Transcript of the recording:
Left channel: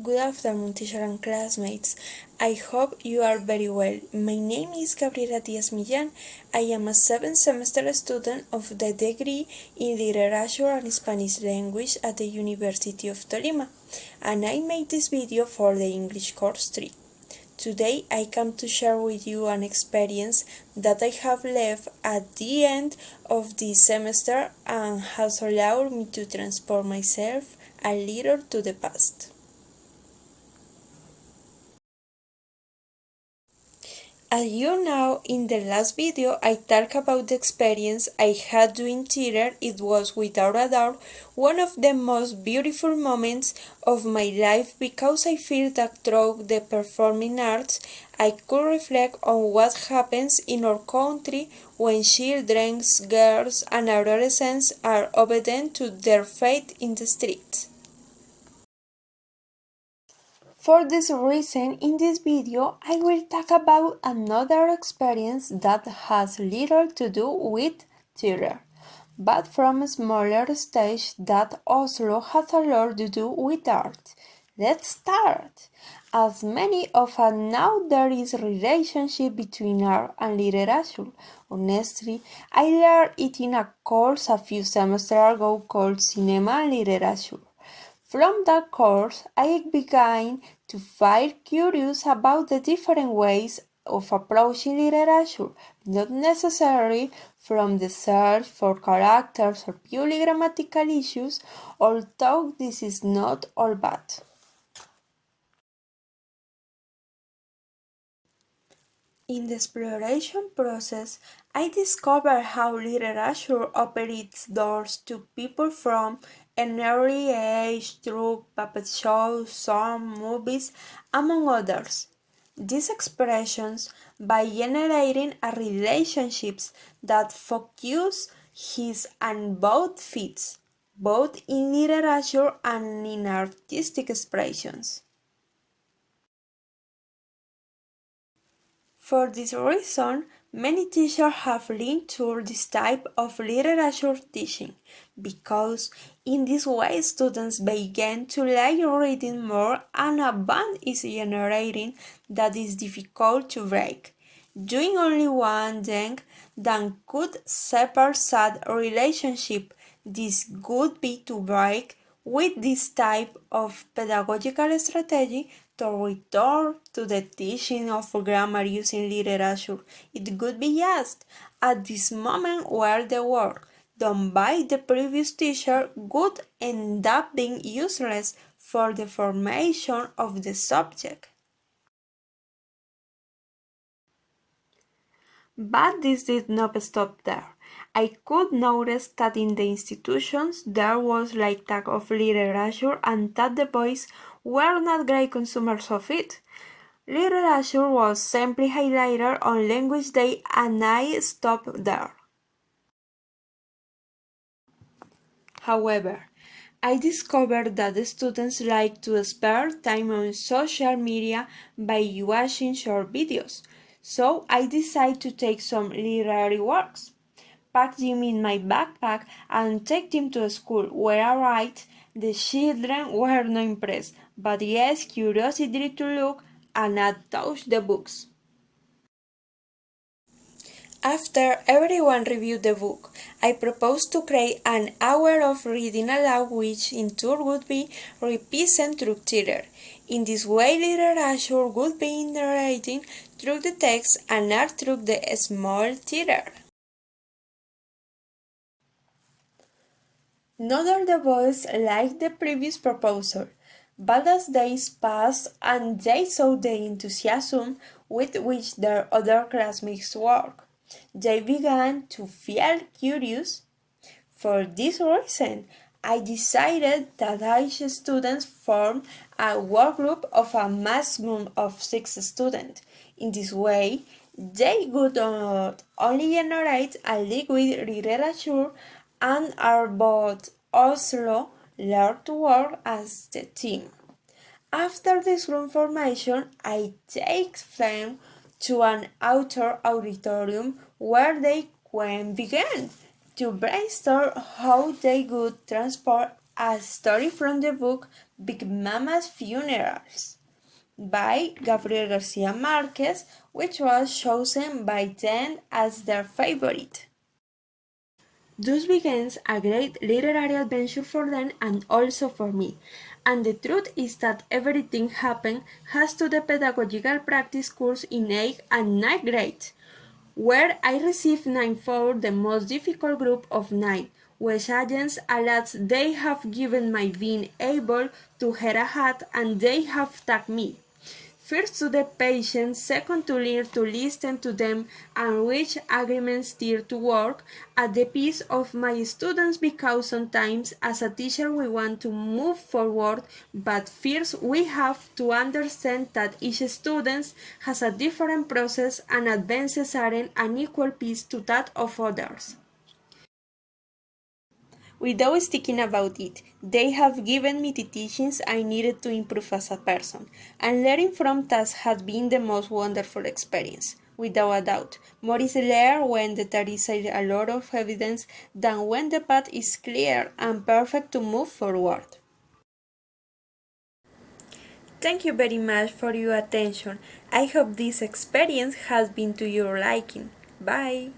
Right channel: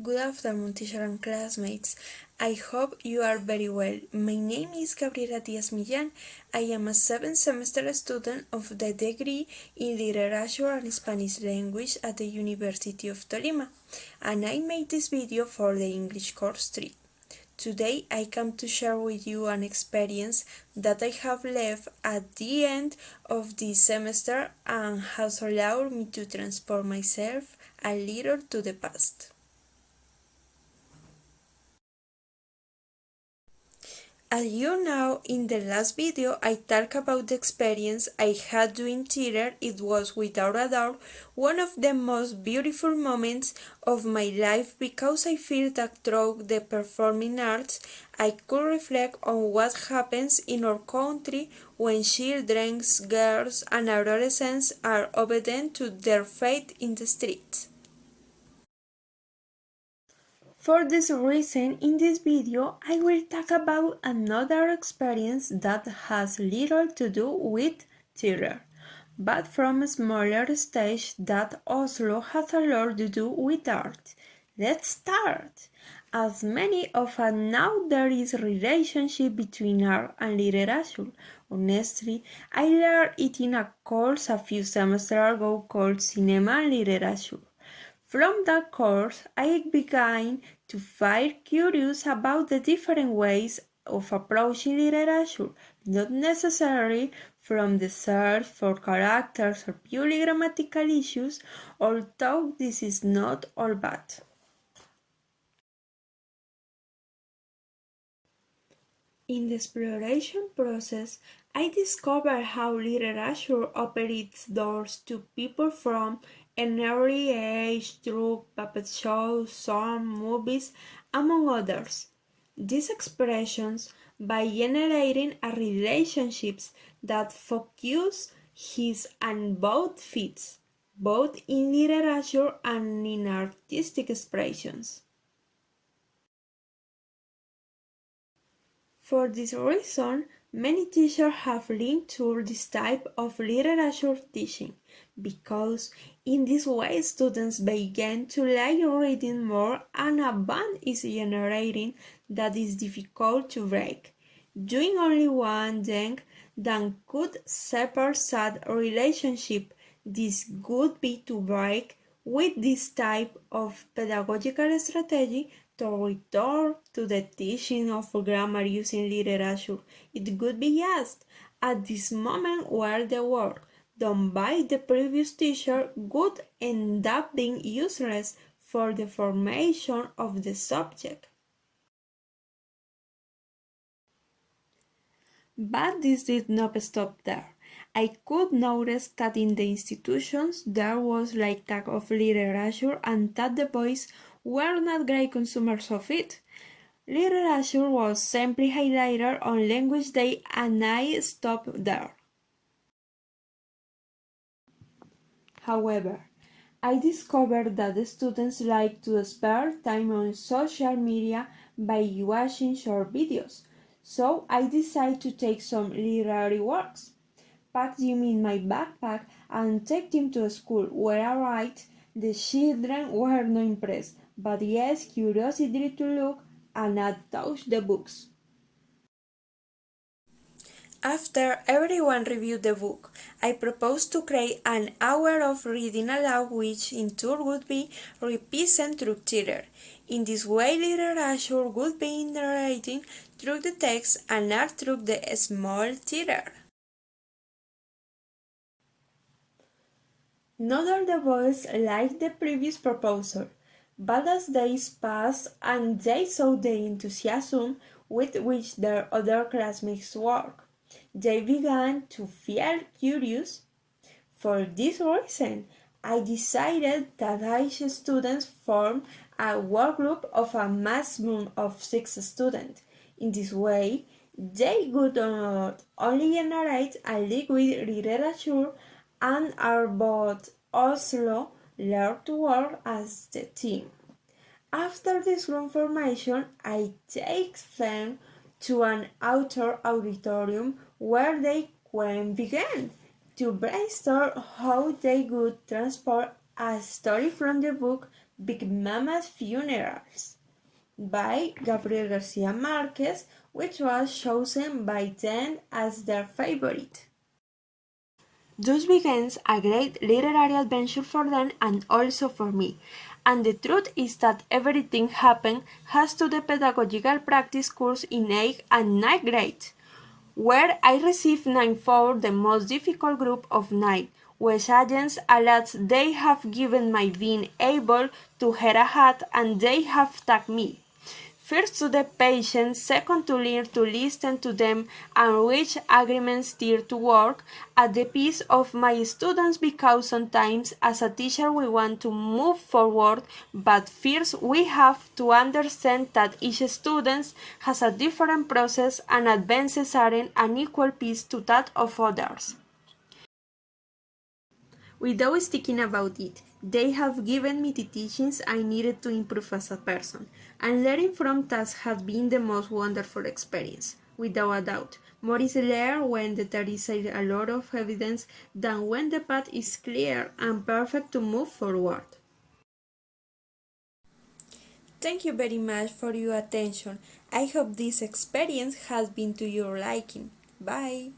Good afternoon, teacher and classmates. I hope you are very well. My name is Gabriela Diaz Millán. I am a 7th semester student of the degree in Literature and Spanish Language at the University of Tolima, and I made this video for the English course 3. Today I come to share with you an experience that I have left at the end of this semester and has allowed me to transport myself a little to the past. As you know, in the last video I talked about the experience I had doing theater. It was without a doubt one of the most beautiful moments of my life because I feel that through the performing arts I could reflect on what happens in our country when children, girls and adolescents are obedient to their fate in the streets. For this reason, in this video, I will talk about another experience that has little to do with theater, but from a smaller stage that also has a lot to do with art. Let's start! As many of us know, there is a relationship between art and literature. Honestly, I learned it in a course a few semesters ago called Cinema and Literature. From that course, I began to feel curious about the different ways of approaching literature, not necessarily from the search for characters or purely grammatical issues, although this is not all bad. In the exploration process, I discovered how literature opens doors to people from an early age through puppet shows, songs, movies, among others. These expressions, by generating a relationships that focus his and both fits, both in literature and in artistic expressions. For this reason, many teachers have leaned toward this type of literature teaching because in this way students begin to like reading more and a bond is generating that is difficult to break. Doing only one thing that could separate sad relationship. This would be to break with this type of pedagogical strategy to return to the teaching of grammar using literature. It could be just at this moment where the work done by the previous teacher would end up being useless for the formation of the subject. But this did not stop there. I could notice that in the institutions there was like talk of literature and that the boys were not great consumers of it. Literature was simply highlighted on language day and I stopped there. However, I discovered that the students like to spare time on social media by watching short videos, so I decided to take some literary works, pack them in my backpack, and take them to school, where I write. The children were not impressed, but yes, curiosity to look and not touch the books. After everyone reviewed the book, I proposed to create an hour of reading aloud which in turn would be represented through theater. In this way, literature would be narrating through the text and art through the small theater. Neither the boys liked the previous proposal, but as days passed and they saw the enthusiasm with which their other classmates worked, they began to feel curious. For this reason, I decided that each students form a work group of a maximum of 6 students. In this way, they would not only generate a liquid literature and are both also learn to work as the team. After this group formation, I take them to an outdoor auditorium where they can begin to brainstorm how they would transport a story from the book Big Mama's Funerals by Gabriel Garcia Marquez, which was chosen by them as their favorite. Thus begins a great literary adventure for them and also for me. And the truth is that everything happened has to the pedagogical practice course in 8th and 9th grades, where I received 9 for the most difficult group of 9, which agents alas they have given my being able to wear a hat and they have tagged me. First to the patients, second to learn to listen to them and reach agreements steer to work at the pace of my students because sometimes as a teacher we want to move forward, but first we have to understand that each student has a different process and advances aren't an equal pace to that of others. Without speaking about it, they have given me the teachings I needed to improve as a person, and learning from that has been the most wonderful experience, without a doubt. More is learned when there is a lot of evidence than when the path is clear and perfect to move forward. Thank you very much for your attention. I hope this experience has been to your liking. Bye.